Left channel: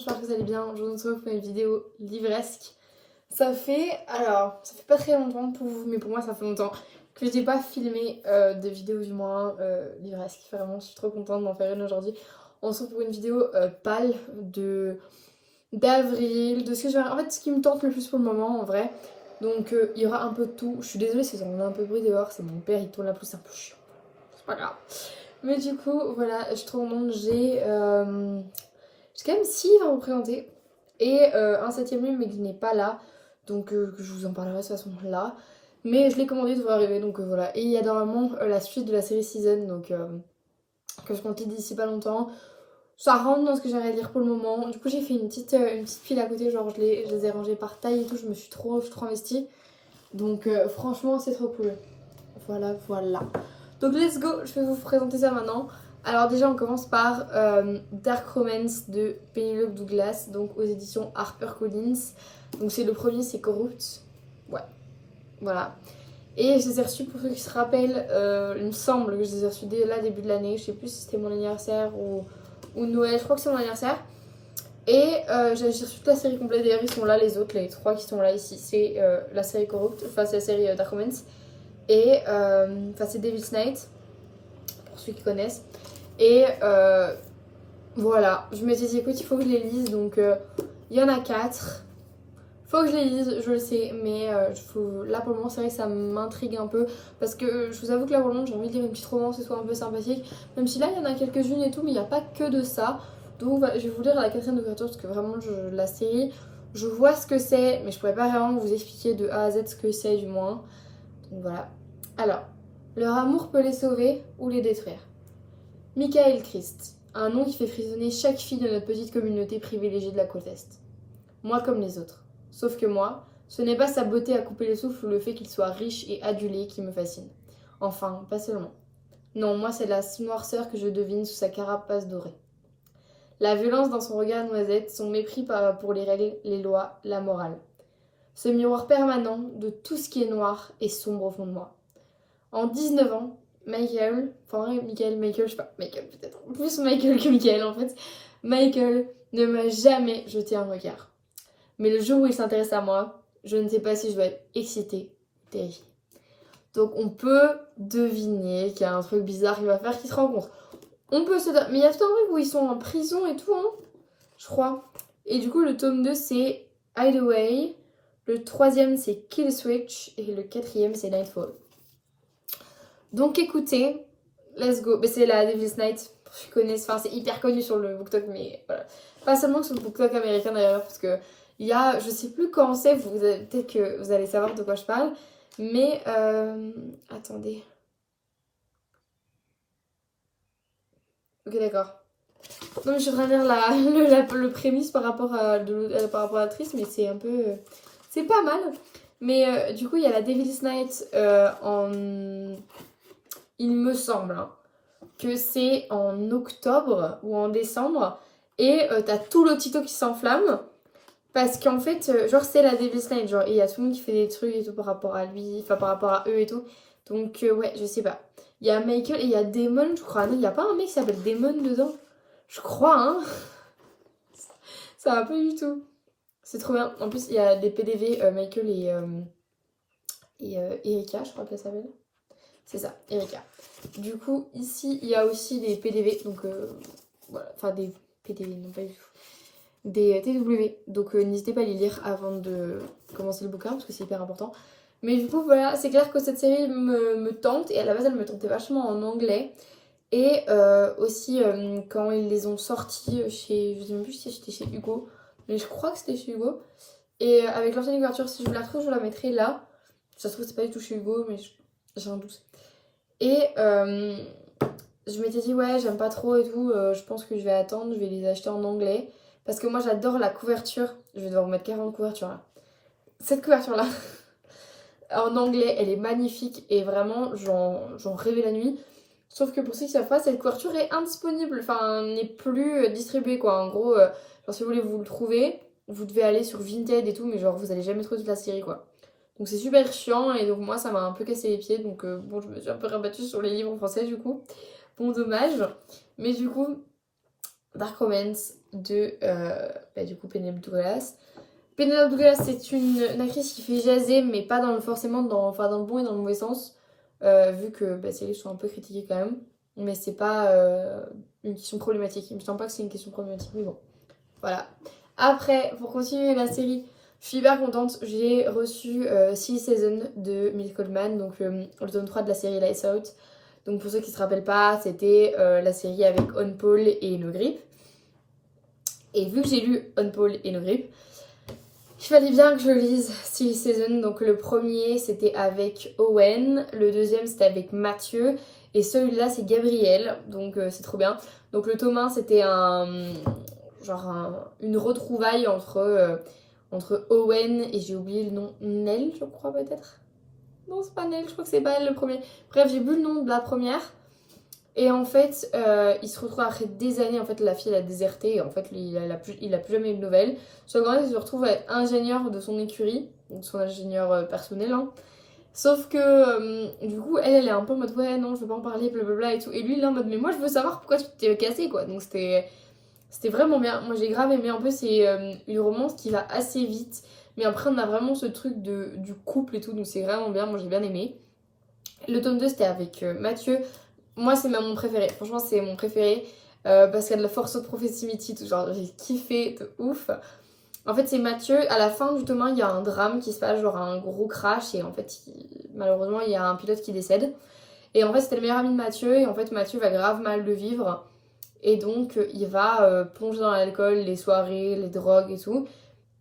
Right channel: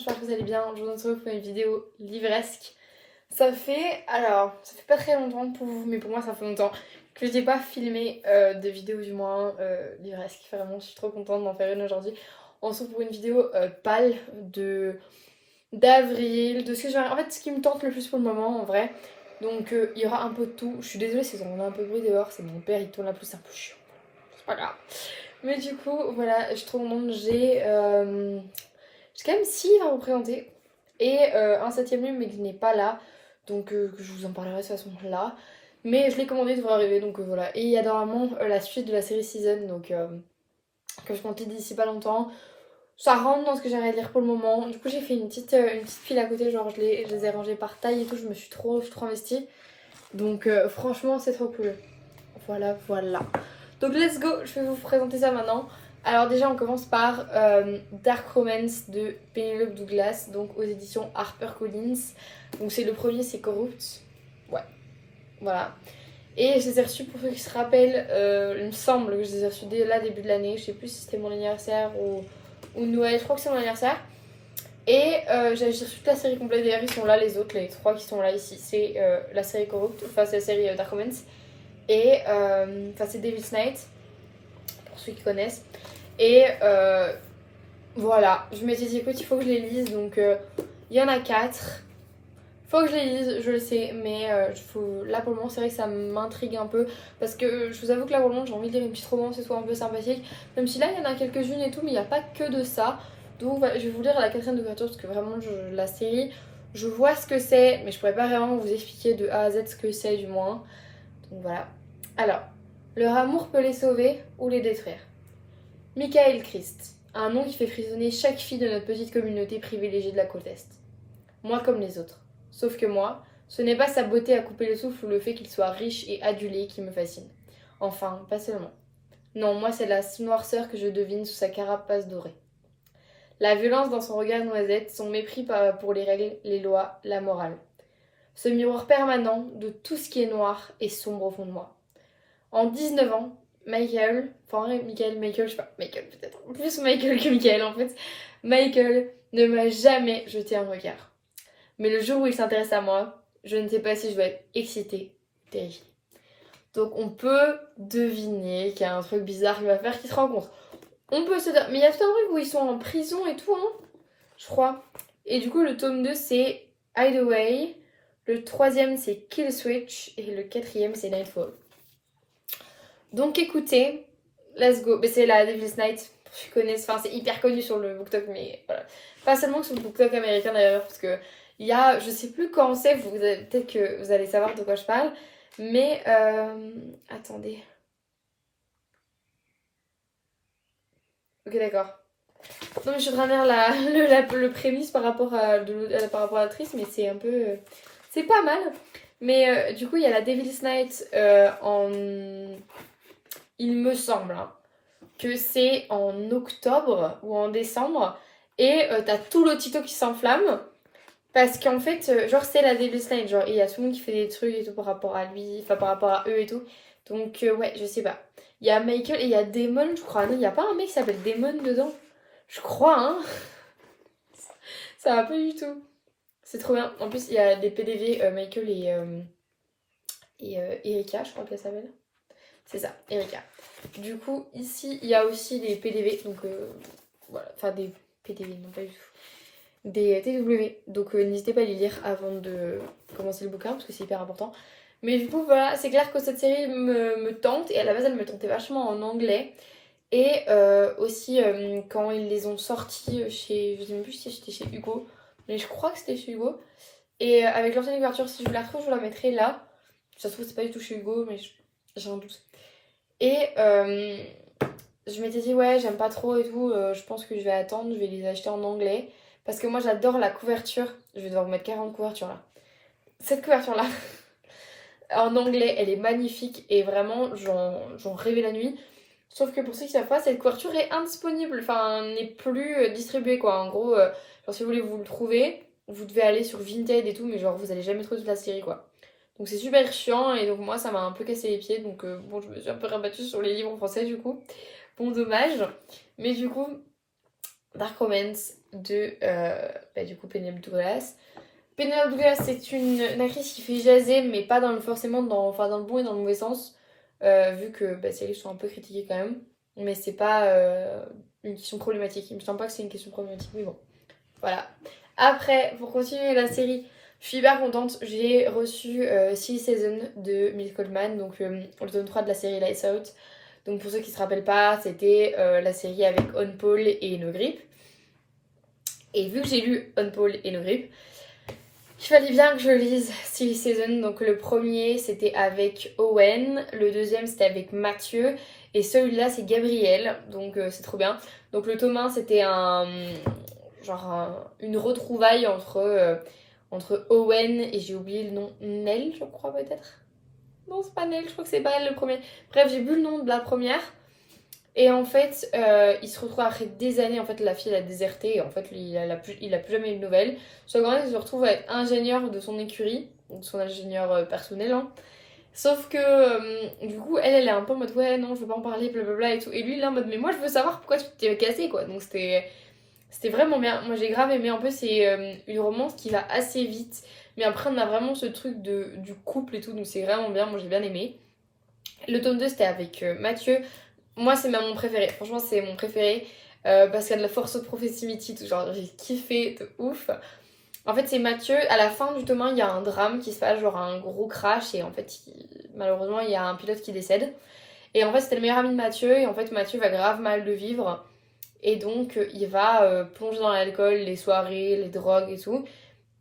j'espère que vous allez bien. Je vous retrouve pour une vidéo livresque. Ça fait pas très longtemps pour vous, mais pour moi ça fait longtemps que je n'ai pas filmé de vidéo du moins livresque. Vraiment, je suis trop contente d'en faire une aujourd'hui. On se retrouve pour une vidéo pâle d'avril, de ce que j'ai... En fait, ce qui me tente le plus pour le moment en vrai. Donc il y aura un peu de tout. Je suis désolée si on a un peu de bruit dehors, c'est mon père, il tourne la pelouse, c'est un peu chiant. C'est pas grave. Mais du coup, voilà, je suis trop contente. J'ai quand même 6 livres à vous présenter et un septième livre mais qui n'est pas là, donc que je vous en parlerai de toute façon là. Mais je l'ai commandé, il devrait arriver, donc voilà. Et il y a normalement la suite de la série Season, donc que je compte lire d'ici pas longtemps. Ça rentre dans ce que j'aimerais lire pour le moment. Du coup j'ai fait une petite file à côté, genre je les ai rangées par taille et tout, je suis trop investie. Donc franchement c'est trop cool. Voilà, voilà. Donc let's go, je vais vous présenter ça maintenant. Alors déjà on commence par Dark Romance de Penelope Douglas, donc aux éditions HarperCollins. Donc c'est le premier, c'est Corrupt. Ouais, voilà. Et je les ai reçus, pour ceux qui se rappellent, il me semble que je les ai reçus dès là début de l'année. Je sais plus si c'était mon anniversaire ou Noël, je crois que c'est mon anniversaire. Et j'ai reçu toute la série complète, d'ailleurs ils sont là les autres, les 3 qui sont là ici. C'est la série Corrupt, enfin c'est la série Dark Romance. Et c'est Devil's Night, pour ceux qui connaissent. Et voilà, je m'étais dit écoute, il faut que je les lise, donc il y en a 4. Faut que je les lise, je le sais, mais là pour le moment c'est vrai que ça m'intrigue un peu parce que je vous avoue que là pour le moment j'ai envie de lire une petite romance et tout un peu sympathique, même si là il y en a quelques-unes et tout, mais il n'y a pas que de ça. Donc voilà, je vais vous lire la 4ème de couverture parce que vraiment la série, je vois ce que c'est, mais je pourrais pas vraiment vous expliquer de A à Z ce que c'est du moins. Donc voilà. Alors, leur amour peut les sauver ou les détruire. Michael Christ, un nom qui fait frissonner chaque fille de notre petite communauté privilégiée de la côte Est. Moi comme les autres. Sauf que moi, ce n'est pas sa beauté à couper le souffle ou le fait qu'il soit riche et adulé qui me fascine. Enfin, pas seulement. Non, moi c'est la noirceur que je devine sous sa carapace dorée. La violence dans son regard noisette, son mépris pour les règles, les lois, la morale. Ce miroir permanent de tout ce qui est noir et sombre au fond de moi. En 19 ans, Michael, Michael, je sais pas, Michael peut-être, plus Michael que Michael en fait, Michael ne m'a jamais jeté un regard. Mais le jour où il s'intéresse à moi, je ne sais pas si je dois être excitée ou terrifiée. Donc on peut deviner qu'il y a un truc bizarre qui va faire qu'ils se rencontrent. On peut se dire, mais il y a tout un truc où ils sont en prison et tout, hein, je crois. Et du coup, le tome 2, c'est Hideaway. Le 3ème, c'est Kill Switch. Et le 4ème, c'est Nightfall. Donc écoutez, let's go. Mais c'est la Devil's Night, pour ceux qui connaissent. Enfin, c'est hyper connu sur le BookTok, mais voilà. Pas seulement sur le BookTok américain d'ailleurs, parce que il y a, je sais plus quand c'est, peut-être que vous allez savoir de quoi je parle. Mais attendez. Ok, d'accord. Non, mais je suis en train de lire le prémisse par rapport à l'actrice, mais c'est un peu. C'est pas mal. Mais du coup, il y a la Devil's Night il me semble hein, que c'est en octobre ou en décembre. Et t'as tout le Tito qui s'enflamme. Parce qu'en fait, genre, c'est la Devil's Night. Genre, il y a tout le monde qui fait des trucs et tout par rapport à lui, enfin par rapport à eux et tout. Donc, ouais, je sais pas. Il y a Michael et il y a Damon, je crois. Non, il y a pas un mec qui s'appelle Damon dedans. Je crois, hein. Ça va pas du tout. C'est trop bien. En plus, il y a des PDV, Michael et Erika, je crois qu'elle s'appelle. C'est ça, Erika. Du coup, ici, il y a aussi des PDV, donc voilà, enfin des PDV, non pas du tout. Des TW, donc n'hésitez pas à les lire avant de commencer le bouquin parce que c'est hyper important. Mais du coup, voilà, c'est clair que cette série me tente et à la base, elle me tentait vachement en anglais. Et aussi, quand ils les ont sortis chez, je sais même plus si c'était chez Hugo, mais je crois que c'était chez Hugo. Et avec l'ancienne couverture, si je la retrouve, je la mettrai là. Ça se trouve, c'est pas du tout chez Hugo, mais j'ai un doute. Et je m'étais dit, ouais, j'aime pas trop et tout, je pense que je vais attendre, je vais les acheter en anglais. Parce que moi, j'adore la couverture. Je vais devoir vous mettre 40 couvertures là. Cette couverture-là, en anglais, elle est magnifique et vraiment, j'en rêvais la nuit. Sauf que pour ceux qui savent pas, cette couverture est indisponible, enfin, n'est plus distribuée quoi. En gros, genre si vous voulez vous le trouver, vous devez aller sur Vinted et tout, mais genre vous allez jamais trouver toute la série quoi. Donc c'est super chiant et donc moi ça m'a un peu cassé les pieds, donc bon, je me suis un peu rabattue sur les livres en français du coup. Bon, dommage. Mais du coup, Dark Romance, de du coup Penelope Douglas. Penelope Douglas, c'est une actrice qui fait jaser, mais pas forcément dans le bon et dans le mauvais sens, vu que ses livres sont un peu critiqués quand même. Mais c'est pas une question problématique. Il me semble pas que c'est une question problématique, mais bon. Voilà. Après, pour continuer la série, je suis hyper contente. J'ai reçu Silly Season de Mills Coleman, donc le tome 3 de la série Lights Out. Donc pour ceux qui se rappellent pas, c'était la série avec On Paul et No Grip. Et vu que j'ai lu On Paul et No Grip, il fallait bien que je lise Silly Season. Donc le premier c'était avec Owen, le deuxième c'était avec Mathieu, et celui-là c'est Gabriel, donc c'est trop bien. Donc le tome 1 c'était une retrouvaille entre Owen et j'ai oublié le nom, Nell je crois peut-être. Non c'est pas Nell, je crois que c'est pas elle le premier. Bref j'ai bu le nom de la première. Et en fait, il se retrouve après des années, en fait la fille elle a déserté et en fait il a plus jamais eu de nouvelles. Sauf qu'en fait il se retrouve à être ingénieur de son écurie, de son ingénieur personnel. Hein. Sauf que du coup elle est un peu en mode ouais non je veux pas en parler blablabla et tout. Et lui il est en mode mais moi je veux savoir pourquoi tu t'es cassé quoi. Donc c'était vraiment bien. Moi j'ai grave aimé. En plus c'est une romance qui va assez vite. Mais après on a vraiment ce truc du couple et tout. Donc c'est vraiment bien. Moi j'ai bien aimé. Le tome 2 c'était avec Mathieu. Moi, c'est mon préféré. Franchement, c'est mon préféré. Parce qu'il y a de la force of proximity, tout genre, j'ai kiffé de ouf. En fait, c'est Mathieu. À la fin du tome 1, il y a un drame qui se passe, genre un gros crash. Et en fait, malheureusement, il y a un pilote qui décède. Et en fait, c'était le meilleur ami de Mathieu. Et en fait, Mathieu va grave mal le vivre. Et donc, il va plonger dans l'alcool, les soirées, les drogues et tout.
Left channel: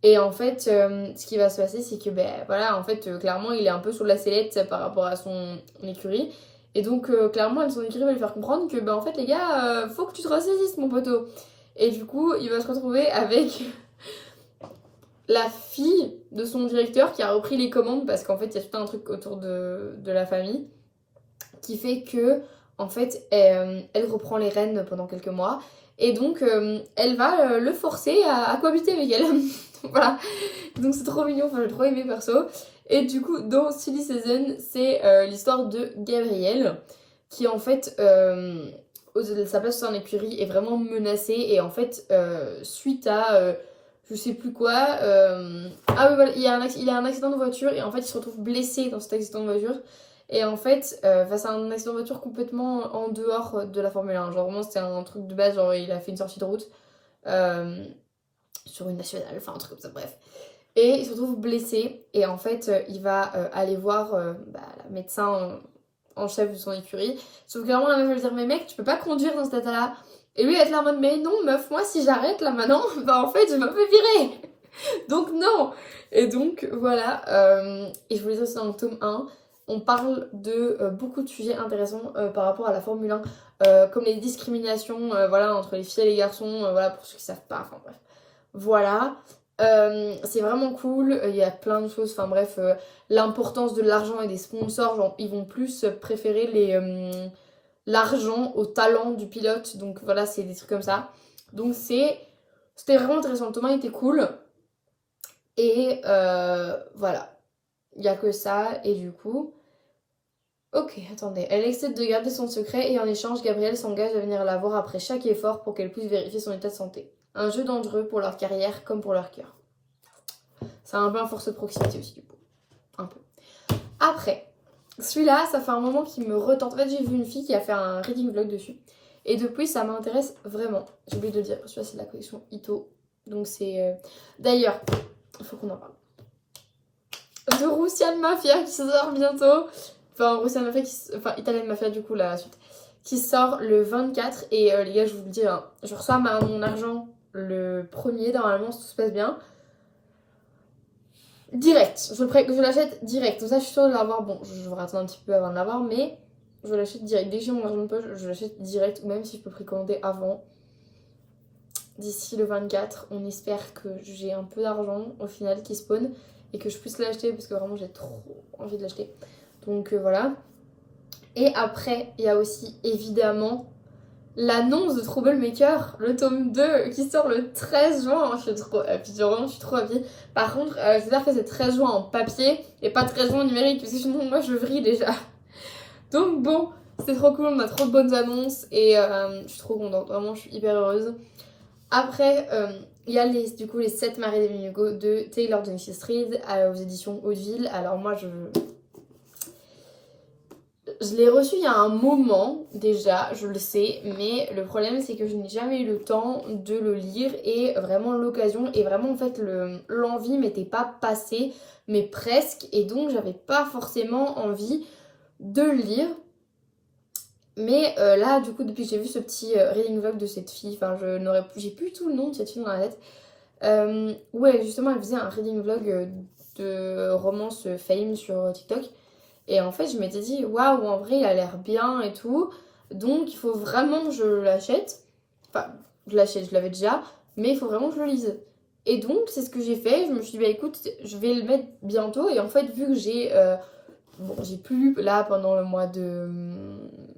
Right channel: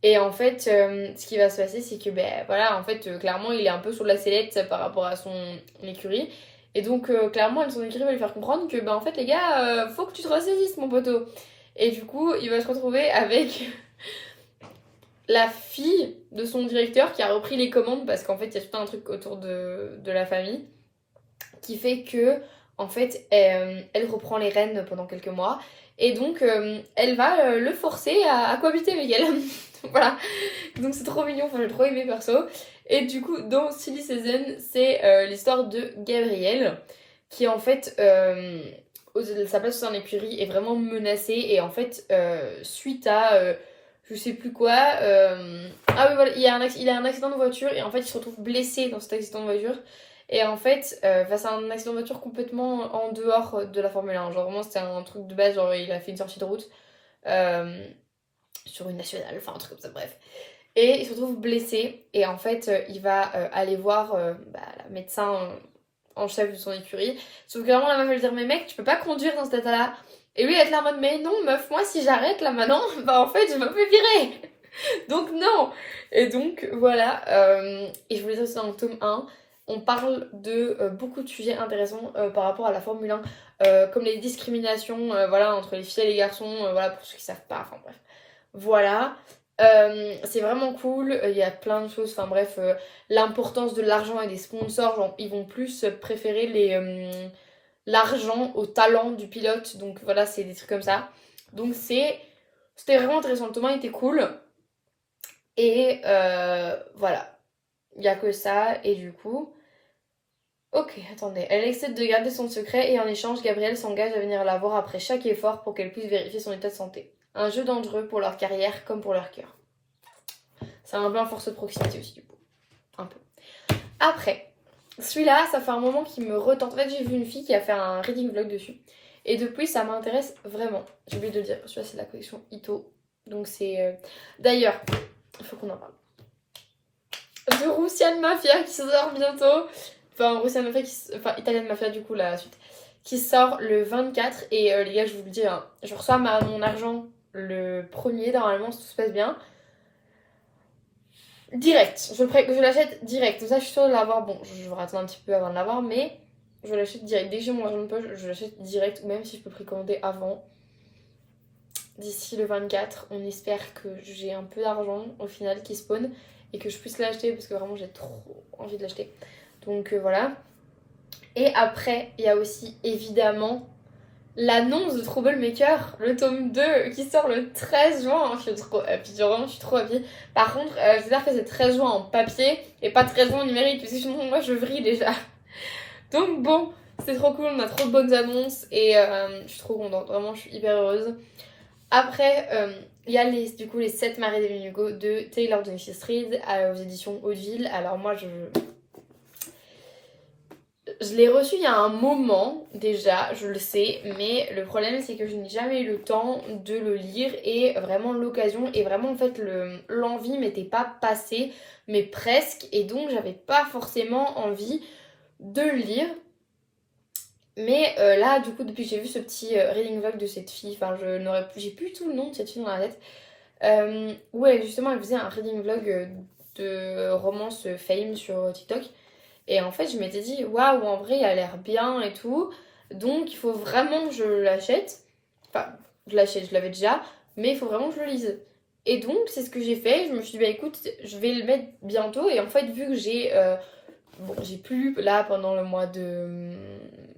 Et en fait, ce qui va se passer, c'est que, voilà, en fait, clairement, il est un peu sur la sellette par rapport à son écurie. Et donc, clairement, son écurie va lui faire comprendre que, en fait, les gars, faut que tu te ressaisisses, mon poteau. Et du coup, il va se retrouver avec la fille de son directeur qui a repris les commandes parce qu'en fait, il y a tout un truc autour de la famille qui fait que, en fait, elle reprend les rênes pendant quelques mois. Et donc, elle va le forcer à cohabiter avec elle. Voilà. Donc, c'est trop mignon. Enfin, j'ai trop aimé perso. Et du coup, dans Silly Season, c'est l'histoire de Gabrielle qui, en fait, sa place dans l'écurie est vraiment menacée. Et en fait, suite à je sais plus quoi. Ah oui, voilà, il a un accident de voiture et en fait, il se retrouve blessé dans cet accident de voiture. Et en fait, face à un accident de voiture complètement en dehors de la Formule 1, genre vraiment c'était un truc de base, genre il a fait une sortie de route sur une nationale, enfin un truc comme ça, bref. Et il se retrouve blessé et en fait il va aller voir la médecin en chef de son écurie. Sauf que vraiment la meuf va lui dire mais mec tu peux pas conduire dans cet état-là. Et lui il va être là en mode mais non meuf moi si j'arrête là maintenant, en fait je me fais virer. Donc non. Et donc voilà, et je voulais dire ça dans le tome 1. On parle de beaucoup de sujets intéressants par rapport à la Formule 1, comme les discriminations voilà, entre les filles et les garçons, voilà, pour ceux qui savent pas, enfin bref. Voilà, c'est vraiment cool, il y a plein de choses, enfin bref, l'importance de l'argent et des sponsors, genre, ils vont plus préférer l'argent au talent du pilote, donc voilà, c'est des trucs comme ça. Donc c'était vraiment intéressant, Thomas était cool, et voilà, il n'y a que ça, et du coup... Ok, attendez. Elle accepte de garder son secret et en échange, Gabriel s'engage à venir la voir après chaque effort pour qu'elle puisse vérifier son état de santé. Un jeu dangereux pour leur carrière comme pour leur cœur. C'est un peu un force de proximité aussi du coup. Un peu. Après, celui-là, ça fait un moment qu'il me retente. En fait, j'ai vu une fille qui a fait un reading vlog dessus. Et depuis, ça m'intéresse vraiment. J'ai oublié de le dire. Celui-là, c'est de la collection Ito. Donc c'est... D'ailleurs, il faut qu'on en parle. De Russian Mafia qui sort bientôt. Enfin, Russian Mafia, enfin Italian Mafia du coup la suite, qui sort le 24 et les gars je vous le dis, hein, je reçois mon argent le premier normalement si tout se passe bien. Direct, je l'achète direct, comme ça je suis sûre de l'avoir, bon je vais attendre un petit peu avant de l'avoir mais je l'achète direct, dès que j'ai mon argent de poche je l'achète direct ou même si je peux précommander avant. D'ici le 24, on espère que j'ai un peu d'argent au final qui spawn et que je puisse l'acheter parce que vraiment j'ai trop envie de l'acheter. Donc voilà. Et après, il y a aussi évidemment l'annonce de Troublemaker, le tome 2 qui sort le 13 juin. Je suis trop happy, vraiment je suis trop happy. Par contre, j'espère que c'est 13 juin en papier et pas 13 juin en numérique parce que sinon moi je vrille déjà. Donc bon, c'est trop cool, on a trop de bonnes annonces et je suis trop contente, vraiment je suis hyper heureuse. Après, il y a du coup les 7 maris d'Evelyn Hugo de Taylor Dennis Street aux éditions Hauteville. Alors moi je l'ai reçu il y a un moment déjà, je le sais, mais le problème c'est que je n'ai jamais eu le temps de le lire et vraiment l'occasion et vraiment en fait l'envie m'était pas passée, mais presque, et donc j'avais pas forcément envie de le lire. Mais là du coup depuis que j'ai vu ce petit reading vlog de cette fille, enfin j'ai plus tout le nom de cette fille dans la tête, où justement elle faisait un reading vlog de romance fame sur TikTok. Et en fait, je m'étais dit, waouh, en vrai, il a l'air bien et tout. Donc, il faut vraiment que je l'achète. Enfin, je l'achète, je l'avais déjà. Mais il faut vraiment que je le lise. Et donc, c'est ce que j'ai fait. Je me suis dit, bah écoute, je vais le mettre bientôt. Et en fait, vu que j'ai plus lu là pendant le mois de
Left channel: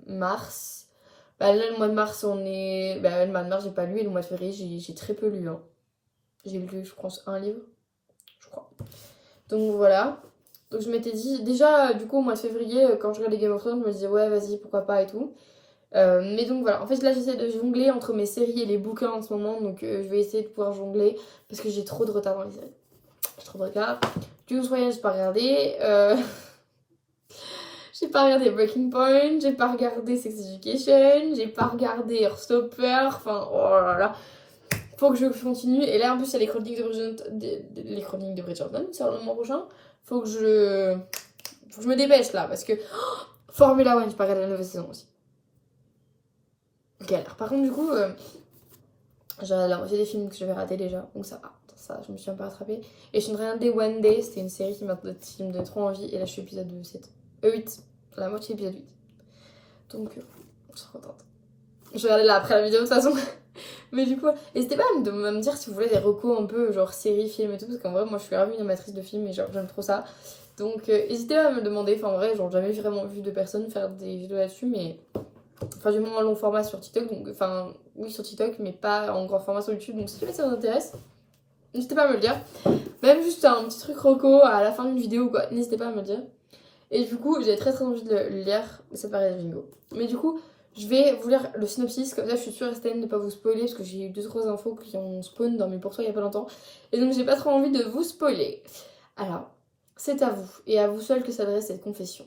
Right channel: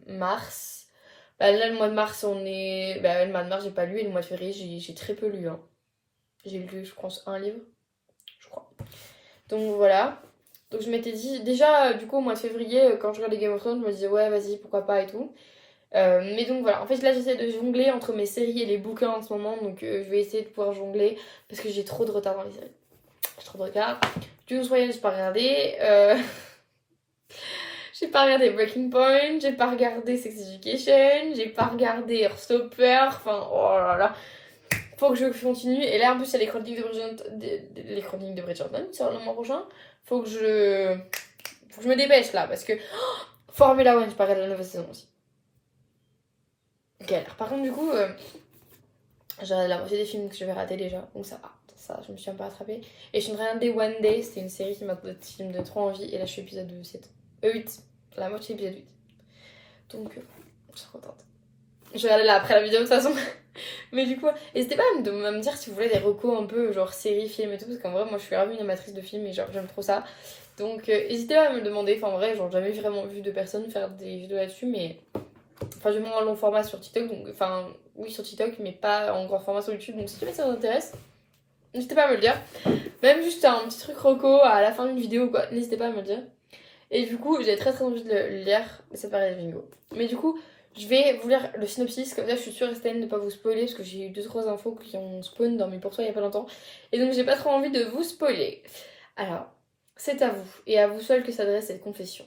mars. Bah là, le mois de mars, Bah, le mois de mars, j'ai pas lu. Et le mois de février, j'ai très peu lu. Hein. J'ai lu, je pense, un livre. Je crois. Donc voilà. Donc je m'étais dit, déjà du coup au mois de février, quand je regardais Game of Thrones, je me disais ouais vas-y pourquoi pas et tout. Mais donc voilà, en fait là j'essaie de jongler entre mes séries et les bouquins en ce moment, donc je vais essayer de pouvoir jongler parce que j'ai trop de retard dans les séries. J'ai trop de retard. June's Voyage, j'ai pas regardé. J'ai pas regardé Breaking Point, j'ai pas regardé Sex Education, j'ai pas regardé Heartstopper, enfin oh là là. Faut que je continue. Et là en plus il y a les chroniques de Bridgerton sur le mois prochain. Faut que je me dépêche là parce que Formula One, je pas regarder la nouvelle saison aussi. Galère. Par contre, du coup, j'ai regardé la moitié des films que j'avais ratés déjà. Donc ça va. Ça, je me suis un peu rattrapée. Et je suis en train de regarder One Day. C'était une série qui me donne trop envie. Et là, je suis épisode 7. 8. La moitié épisode 8. Donc, je suis trop contente. Je vais regarder là après la vidéo de toute façon. Mais du coup, n'hésitez pas à me dire si vous voulez des recos un peu genre séries, films et tout. Parce qu'en vrai, moi, je suis grave une amatrice de films et genre, j'aime trop ça. Donc, n'hésitez pas à me le demander. Enfin, en vrai, genre, jamais vraiment vu de personnes faire des vidéos là-dessus. Mais enfin, j'ai moins un long format sur TikTok, donc enfin, oui, sur TikTok, mais pas en grand format sur YouTube. Donc, si jamais ça vous intéresse, n'hésitez pas à me le dire. Même juste un petit truc roco à la fin d'une vidéo, quoi, n'hésitez pas à me le dire. Et du coup, j'ai très très envie de le lire, ça paraît bingo. Mais du coup, je vais vous lire le synopsis, comme ça je suis sûre et certaine de ne pas vous spoiler, parce que j'ai eu 2-3 infos qui ont spawn dans mes pour toi il y a pas longtemps. Et donc, j'ai pas trop envie de vous spoiler. Alors, c'est à vous, et à vous seul que s'adresse cette confession.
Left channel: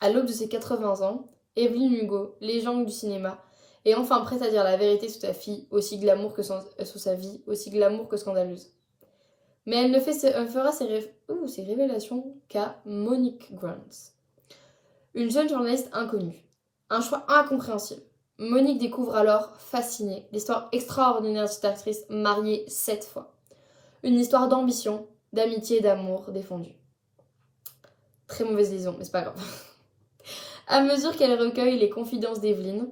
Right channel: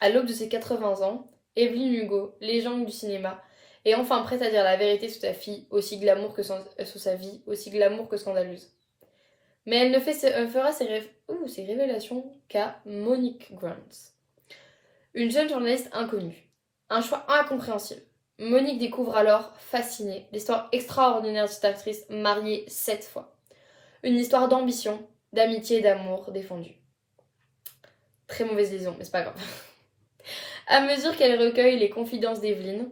À l'aube de ses 80 ans, Evelyn Hugo, légende du cinéma, est enfin prête à dire la vérité sur sa fille, aussi glamour que sur sa vie, aussi glamour que scandaleuse. Mais elle ne fera ses révélations qu'à Monique Grant, une jeune journaliste inconnue. Un choix incompréhensible. Monique découvre alors, fascinée, l'histoire extraordinaire de cette actrice mariée 7 fois. Une histoire d'ambition, d'amitié et d'amour défendue. Très mauvaise liaison, mais c'est pas grave. À mesure qu'elle recueille les confidences d'Evelyn,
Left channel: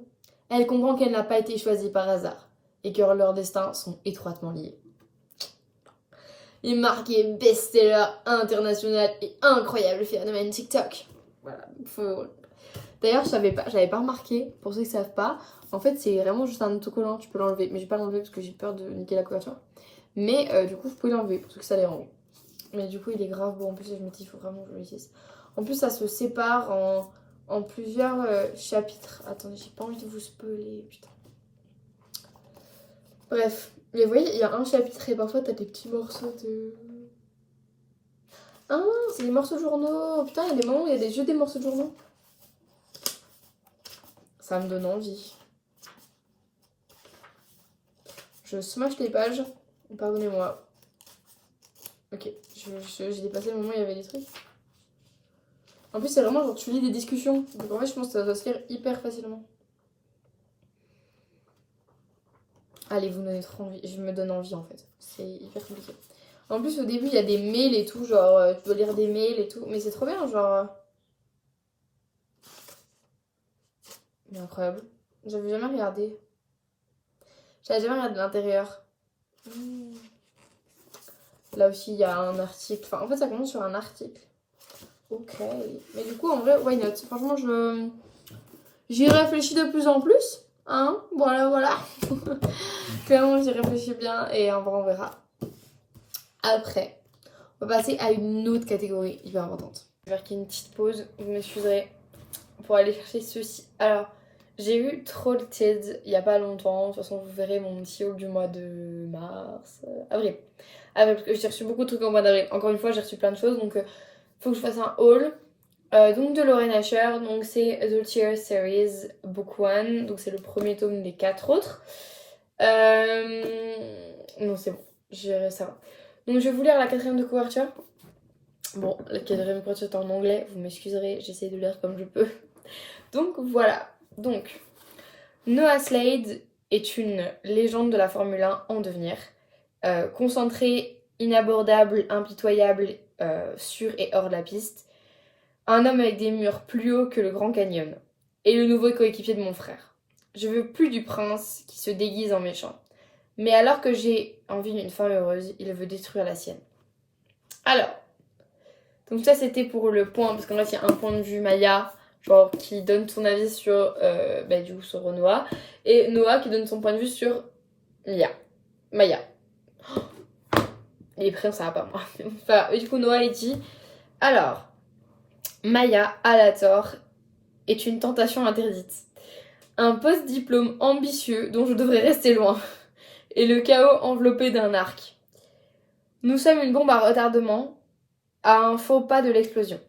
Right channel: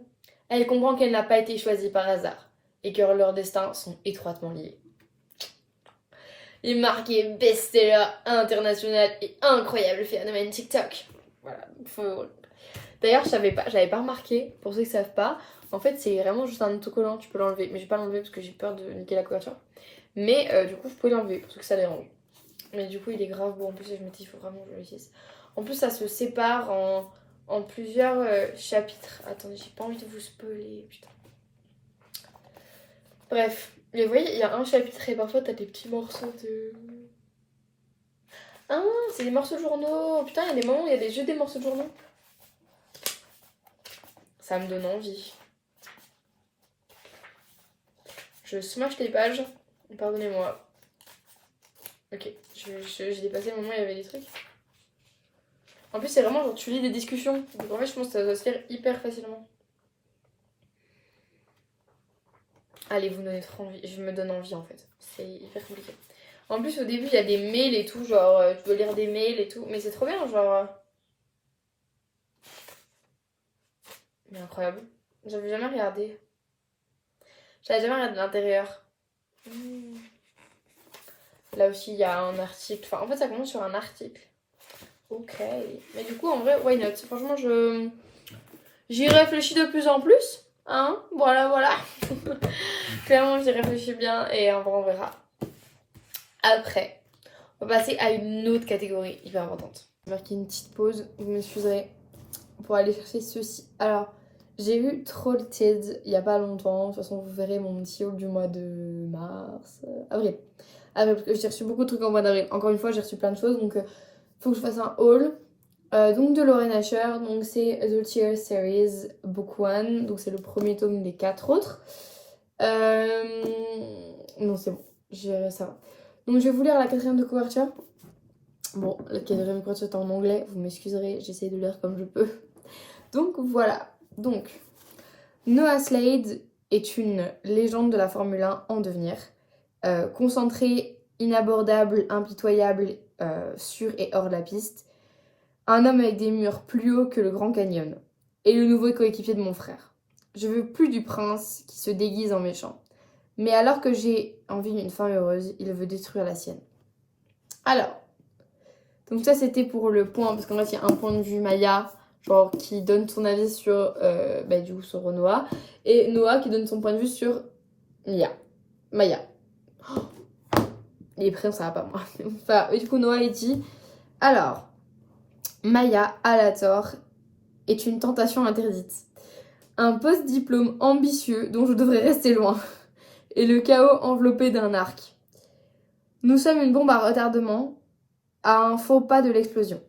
elle comprend qu'elle n'a pas été choisie par hasard et que leurs destins sont étroitement liés. Il est marqué best-seller international et incroyable phénomène TikTok. Voilà. D'ailleurs, j'avais pas remarqué, pour ceux qui savent pas, en fait c'est vraiment juste un autocollant, tu peux l'enlever, mais je vais pas l'enlever parce que j'ai peur de niquer la couverture. Mais du coup, vous pouvez l'enlever pour ceux que ça dérange. Mais du coup, il est grave beau. En plus, je me dis, il faut vraiment que je le lise. En plus, ça se sépare en plusieurs chapitres. Attendez, j'ai pas envie de vous spoiler, putain. Bref, mais vous voyez, il y a un chapitre et parfois t'as des petits morceaux de... Ah, c'est des morceaux de journaux. Putain, il y a des moments où il y a des jeux des morceaux de journaux. Ça me donne envie. Je smash les pages. Pardonnez-moi. Ok, j'ai dépassé le moment où il y avait des trucs. En plus, c'est vraiment genre tu lis des discussions. Donc en fait, je pense que ça doit se lire hyper facilement. Allez, vous me donnez trop envie. Je me donne envie en fait. C'est hyper compliqué. En plus, au début, il y a des mails et tout. Genre, tu peux lire des mails et tout. Mais c'est trop bien, genre. Mais incroyable. J'avais jamais regardé. J'avais jamais regardé l'intérieur. Là aussi, il y a un article. Enfin, en fait, ça commence sur un article. Ok. Mais du coup, en vrai, why not? Franchement, j'y réfléchis de plus en plus. Hein? Voilà, voilà. Clairement, j'y réfléchis bien et en vrai, on verra. Après, on va passer à une autre catégorie hyper importante. Je vais faire qu'il y ait une petite pause. Vous m'excuserez pour aller chercher ceci. Alors, J'ai eu Trollted il y a pas longtemps. De toute façon, vous verrez mon petit haul du mois de mars, avril. Avril, parce que j'ai reçu beaucoup de trucs en mois d'avril. Encore une fois, j'ai reçu plein de choses, donc faut que je fasse un haul. Donc de Lauren Asher, donc c'est The Tear Series Book 1, donc c'est le premier tome des 4 autres. Non, c'est bon, ça va. Donc je vais vous lire la quatrième de couverture. Bon, la quatrième de couverture est en anglais, vous m'excuserez, j'essaie de lire comme je peux. Donc voilà, donc Noah Slade est une légende de la Formule 1 en devenir. Concentré, inabordable, impitoyable, sur et hors de la piste. Un homme avec des murs plus hauts que le Grand Canyon. Et le nouveau coéquipier de mon frère. Je veux plus du prince qui se déguise en méchant. Mais alors que j'ai envie d'une femme heureuse, il veut détruire la sienne. Alors, donc ça c'était pour le point, parce qu'en fait il y a un point de vue Maya, genre qui donne son avis sur, du coup sur Noah, et Noah qui donne son point de vue sur Maya. Oh, les prénoms ça va pas moi. Enfin, et du coup Noah il dit, alors, Maya a la tort est une tentation interdite. Un post-diplôme ambitieux dont je devrais rester loin. Et le chaos enveloppé d'un arc. Nous sommes une bombe à retardement, à un faux pas de l'explosion.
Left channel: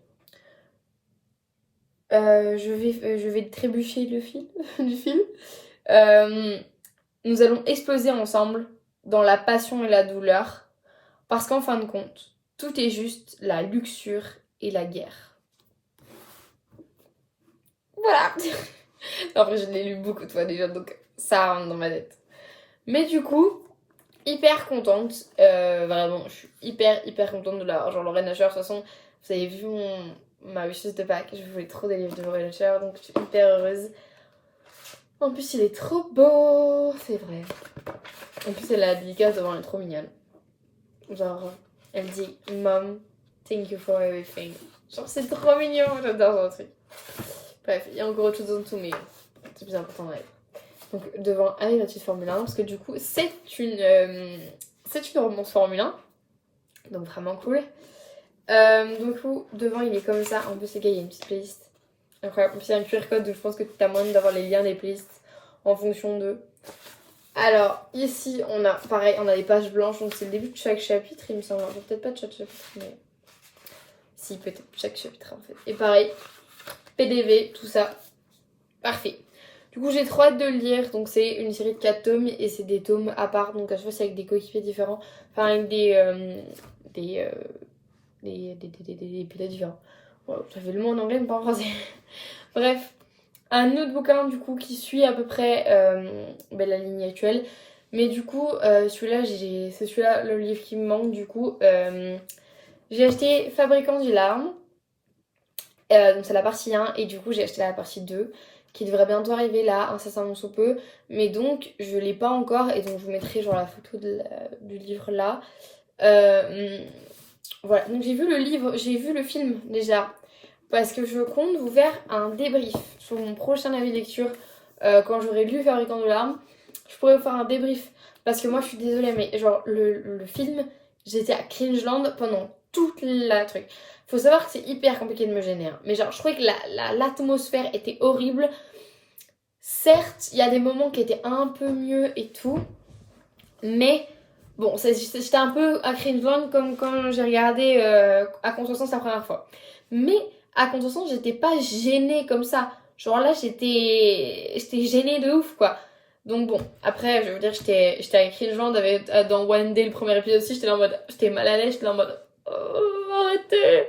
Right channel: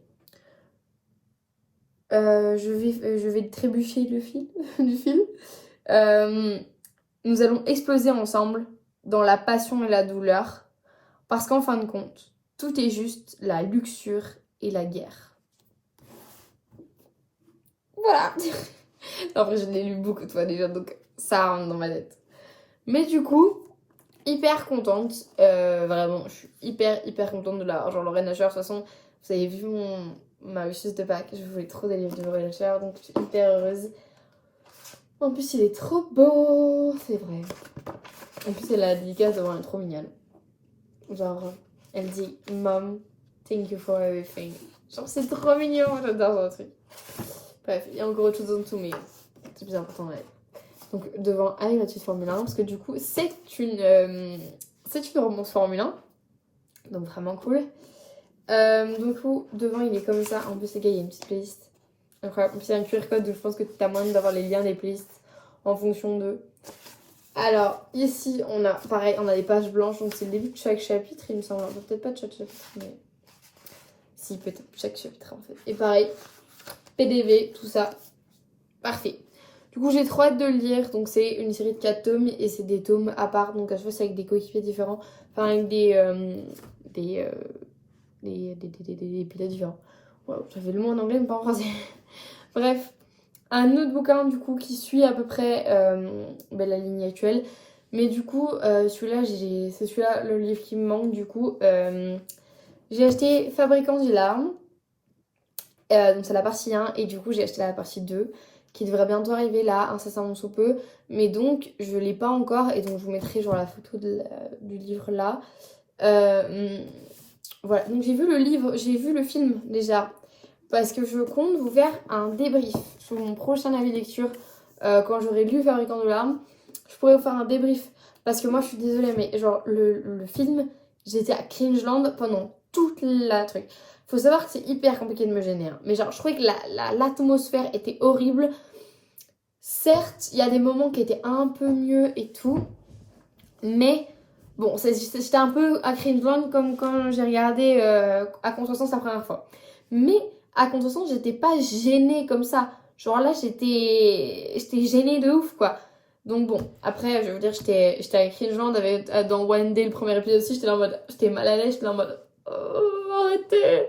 Je vais trébucher le fil du fil. Nous allons exploser ensemble dans la passion et la douleur, parce qu'en fin de compte, tout est juste la luxure et la guerre. Voilà. Après, je l'ai lu beaucoup de fois déjà, donc ça rentre dans ma tête. Mais du coup, hyper contente. Vraiment, je suis hyper contente de la... Genre, Lauren Asher, de toute façon, vous avez vu ma wishlist de Pâques. Je voulais trop des livres de Lauren Asher, donc je suis hyper heureuse. En plus, il est trop beau, c'est vrai. En plus, elle a la dédicace devant, elle est trop mignonne. Genre, elle dit « Mom, thank you for everything ». Genre, c'est trop mignon, j'adore ce truc. Bref, il y a encore autre chose en dessous, mais c'est plus important dans la vie. Donc devant arrive la petite Formule 1, parce que du coup c'est une romance Formule 1, donc vraiment cool. Du coup devant il est comme ça, en plus les gars il y a une petite playlist. Incroyable, en plus il y a un QR code, donc je pense que tu as moyen d'avoir les liens des playlists en fonction de... Alors ici on a pareil, on a des pages blanches, donc c'est le début de chaque chapitre il me semble, peut-être pas de chaque chapitre mais... Si peut-être chaque chapitre en fait. Et pareil, PDV, tout ça, parfait. Du coup, j'ai trop hâte de le lire. Donc, c'est une série de 4 tomes et c'est des tomes à part. Donc, à chaque fois, c'est avec des coéquipiers différents. Enfin, avec des pilotes différents. Wow, ça fait le mot en anglais, mais pas en français. Bref, un autre bouquin, du coup, qui suit à peu près la ligne actuelle. Mais du coup, c'est celui-là le livre qui me manque. Du coup, j'ai acheté Fabricant des larmes. Donc, c'est la partie 1. Et du coup, j'ai acheté la partie 2. Qui devrait bientôt arriver là, incessamment sous peu. Mais donc, je l'ai pas encore. Et donc, je vous mettrai genre la photo du livre là. Voilà, donc j'ai vu le film déjà. Parce que je compte vous faire un débrief sur mon prochain avis de lecture. Quand j'aurai lu Fabricant de larmes, je pourrais vous faire un débrief. Parce que moi, je suis désolée, mais genre, le film, j'étais à Cringeland pendant toute la truc. Faut savoir que c'est hyper compliqué de me gêner. Hein. Mais genre, je trouvais que l'atmosphère était horrible. Certes, il y a des moments qui étaient un peu mieux et tout. Mais bon, j'étais un peu à Cringeland comme quand j'ai regardé à Contresens la première fois. Mais à Contresens, j'étais pas gênée comme ça. Genre là, j'étais gênée de ouf, quoi. Donc bon, après, je veux dire, j'étais à Cringeland dans One Day, le premier épisode aussi, j'étais mal à l'aise, j'étais là en mode, oh, arrêtez.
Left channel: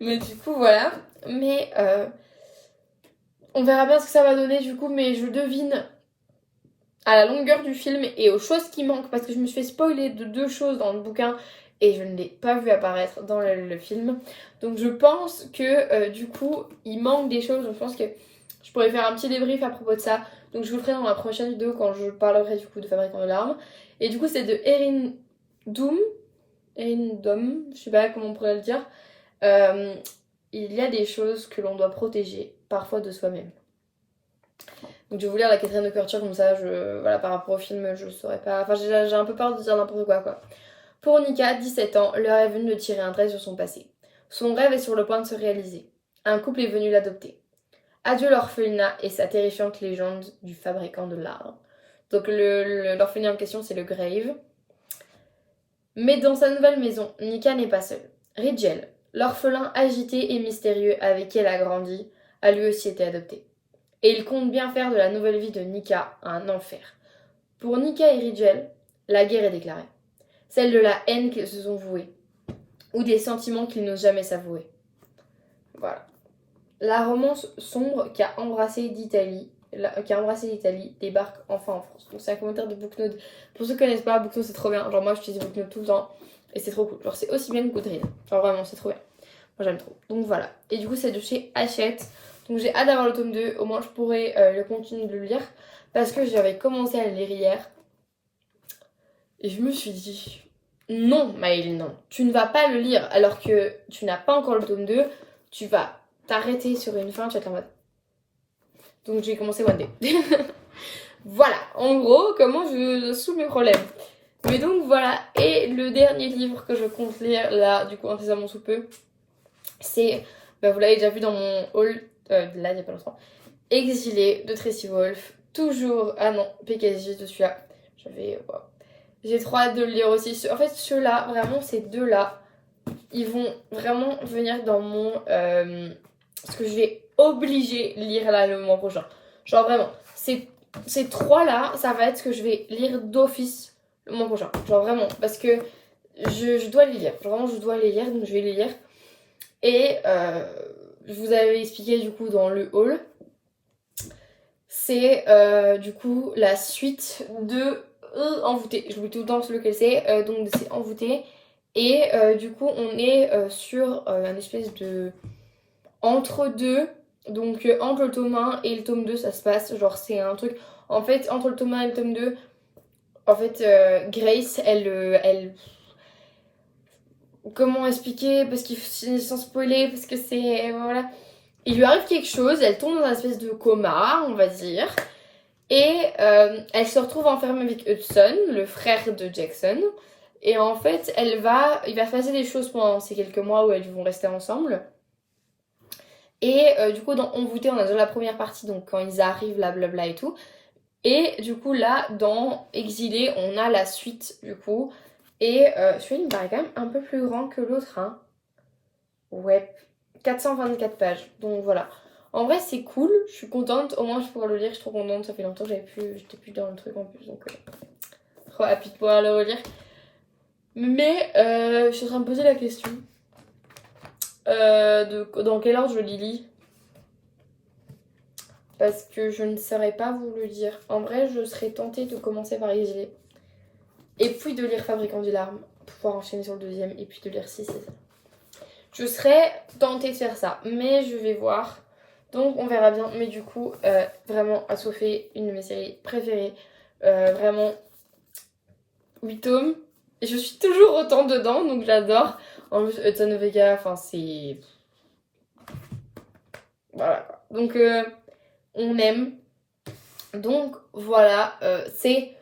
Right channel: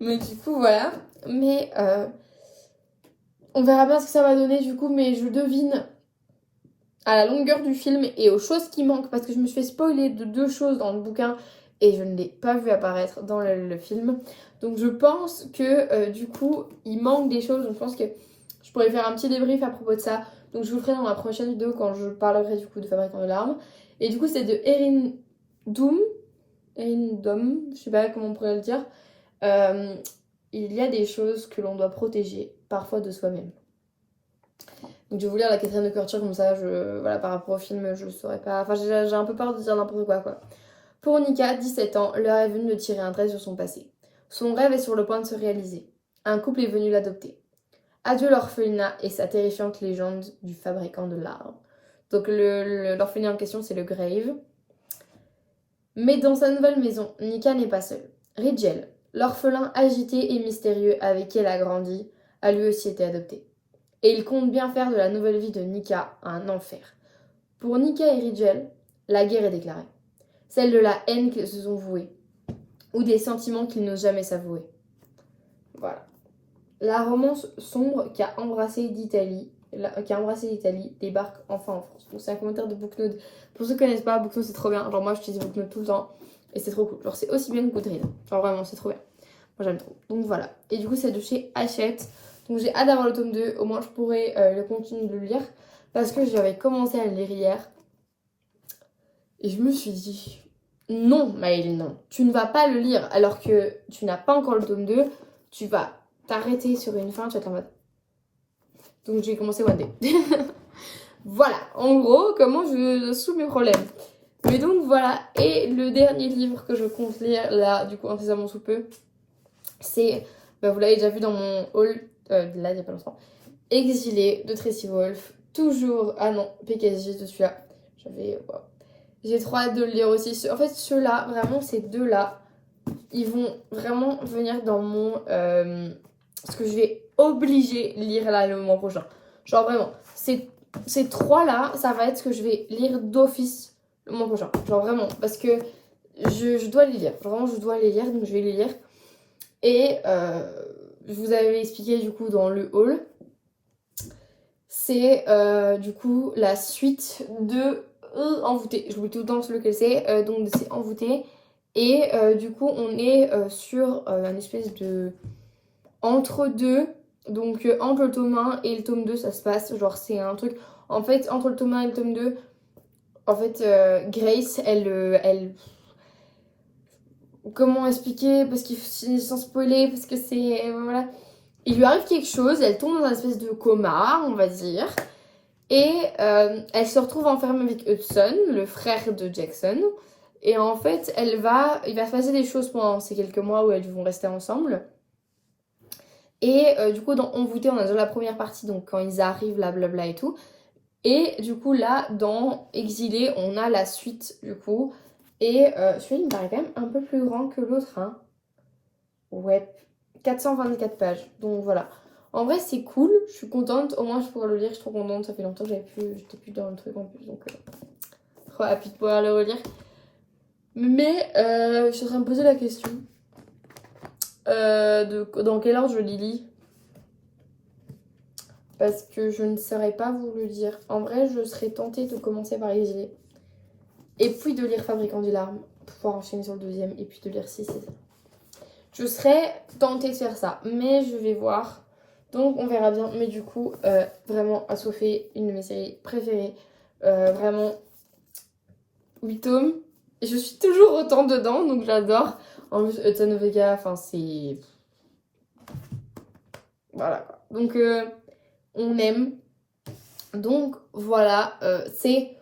Mais du coup, voilà. Mais on verra bien ce que ça va donner, du coup, mais je devine à la longueur du film et aux choses qui manquent, parce que je me suis fait spoiler de 2 choses dans le bouquin et je ne l'ai pas vu apparaître dans le film. Donc je pense que du coup il manque des choses, donc je pense que je pourrais faire un petit débrief à propos de ça. Donc je vous le ferai dans ma prochaine vidéo quand je parlerai du coup de Fabricant de larmes. Et du coup c'est de Erin Doom, je sais pas comment on pourrait le dire. Il y a des choses que l'on doit protéger, parfois de soi-même. Donc je vais vous lire la quatrième de couverture, comme ça, voilà, par rapport au film, je saurais pas... Enfin, j'ai un peu peur de dire n'importe quoi. Pour Nika, 17 ans, l'heure est venue de tirer un trait sur son passé. Son rêve est sur le point de se réaliser. Un couple est venu l'adopter. Adieu l'orphelinat et sa terrifiante légende du fabricant de larves. Donc l'orphelinat en question, c'est le Grave. Mais dans sa nouvelle maison, Nika n'est pas seule. Rigel, l'orphelin agité et mystérieux avec qui elle a grandi, a lui aussi été adopté. Et il compte bien faire de la nouvelle vie de Nika un enfer. Pour Nika et Rigel, la guerre est déclarée. Celle de la haine qu'ils se sont voués, ou des sentiments qu'ils n'osent jamais s'avouer. Voilà. La romance sombre qui a embrassé l'Italie débarque enfin en France. Donc c'est un commentaire de Booknote. Pour ceux qui connaissent pas, Booknote c'est trop bien. Genre moi j'utilise Booknote tout le temps et c'est trop cool. Genre c'est aussi bien que Goodreads. Genre vraiment c'est trop bien. Moi j'aime trop. Donc voilà. Et du coup c'est de chez Hachette. Donc j'ai hâte d'avoir le tome 2. Au moins je pourrai le continuer de le lire. Parce que j'avais commencé à le lire hier. Et je me suis dit, non Maëlle, non. Tu ne vas pas le lire alors que tu n'as pas encore le tome 2. Tu vas t'arrêter sur une fin, tu vas être en mode. Donc j'ai commencé One Day. Voilà, en gros, comment je soules mes problèmes. Mais donc voilà, et le dernier livre que je compte lire, là, du coup, incessamment sous peu, c'est, bah, vous l'avez déjà vu dans mon haul, là, il n'y a pas longtemps, Exilé de Tracy Wolf. Toujours, ah non, PKJ de celui-là. Wow. J'ai trop hâte de le lire aussi. En fait, ceux-là, vraiment, ces deux-là, ils vont vraiment venir dans mon... ce que je vais obliger lire là le mois prochain. Genre vraiment, ces trois-là, ça va être ce que je vais lire d'office le mois prochain. Genre vraiment, parce que je dois les lire. Genre vraiment, je dois les lire, donc je vais les lire. Et je vous avais expliqué du coup dans le haul. C'est du coup la suite de Envoûté. Je vous dis tout le temps lequel c'est. Donc c'est Envoûté. Et du coup, on est sur un espèce de entre-deux. Donc entre le tome 1 et le tome 2, ça se passe. Genre, c'est un truc. En fait, entre le tome 1 et le tome 2, en fait, Grace, elle. Comment expliquer? Parce qu'il sans spoiler, parce que c'est. Voilà. Il lui arrive quelque chose, elle tombe dans un espèce de coma, on va dire. Et elle se retrouve enfermée avec Hudson, le frère de Jackson. Et en fait, il va se passer des choses pendant ces quelques mois où elles vont rester ensemble. Et du coup, dans Envoûté, on a déjà la première partie, donc quand ils arrivent, blablabla et tout. Et du coup, là, dans Exilé, on a la suite, du coup. Et celui-là, il me paraît quand même un peu plus grand que l'autre, hein. Ouais, 424 pages. Donc voilà. En vrai, c'est cool, je suis contente. Au moins, je pourrais le lire, je suis trop contente. Ça fait longtemps que j'étais plus dans le truc en plus, donc trop happy de pouvoir le relire. Mais je suis en train de me poser la question dans quel ordre je les lis. Parce que je ne saurais pas vous le dire. En vrai, je serais tentée de commencer par Exilé. Et puis de lire Fabricant du Larme, pour pouvoir enchaîner sur le deuxième. Et puis de lire 6 et ça. Je serais tentée de faire ça, mais je vais voir. Donc on verra bien. Mais du coup, vraiment, à Sophie, une de mes séries préférées. Vraiment, 8 tomes. Et je suis toujours autant dedans, donc j'adore. En plus, Hudson Vega, enfin c'est... Voilà quoi. Donc on aime. Donc voilà, c'est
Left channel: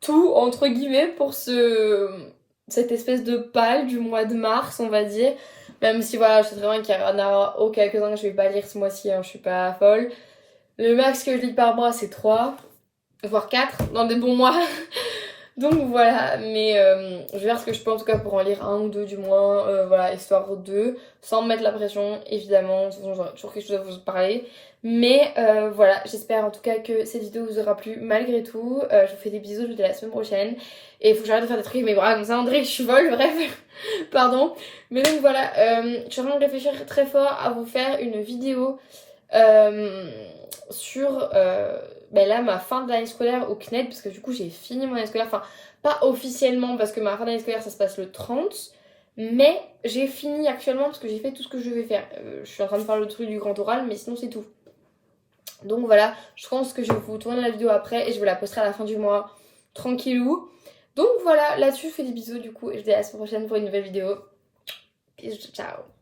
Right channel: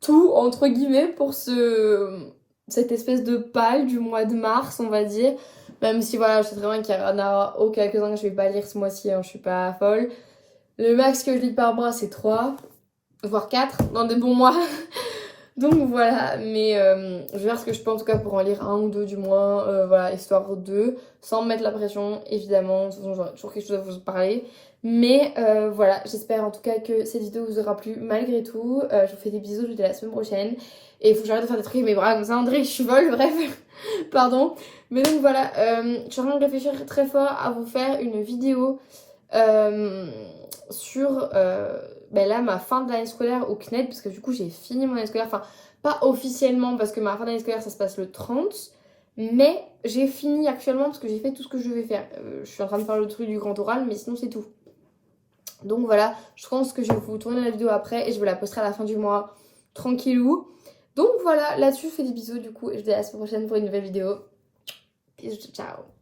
tout entre guillemets pour cette espèce de pâle du mois de mars, on va dire. Même si voilà, je sais très bien qu'il y en a quelques-uns que je vais pas lire ce mois-ci, hein, je suis pas folle. Le max que je lis par mois, c'est 3, voire 4, dans des bons mois. Donc voilà, mais je vais faire ce que je peux en tout cas pour en lire un ou deux du moins, voilà, histoire de, sans me mettre la pression, évidemment, de toute façon j'aurai toujours quelque chose à vous parler. Mais voilà, j'espère en tout cas que cette vidéo vous aura plu malgré tout. Je vous fais des bisous, je vous dis à la semaine prochaine. Et il faut que j'arrête de faire des trucs avec mes bras comme ça, André, je suis folle, bref, pardon. Mais donc voilà, je suis en train de réfléchir très fort à vous faire une vidéo sur ben là ma fin d'année scolaire au CNED, parce que du coup j'ai fini mon année scolaire, enfin pas officiellement parce que ma fin d'année scolaire ça se passe le 30, mais j'ai fini actuellement parce que j'ai fait tout ce que je devais faire. Je suis en train de faire le truc du grand oral, mais sinon c'est tout. Donc voilà, je pense que je vais vous tourner la vidéo après et je vous la posterai à la fin du mois tranquillou. Donc voilà, là-dessus je fais des bisous du coup et je vous dis à la semaine prochaine pour une nouvelle vidéo. Bisous, ciao.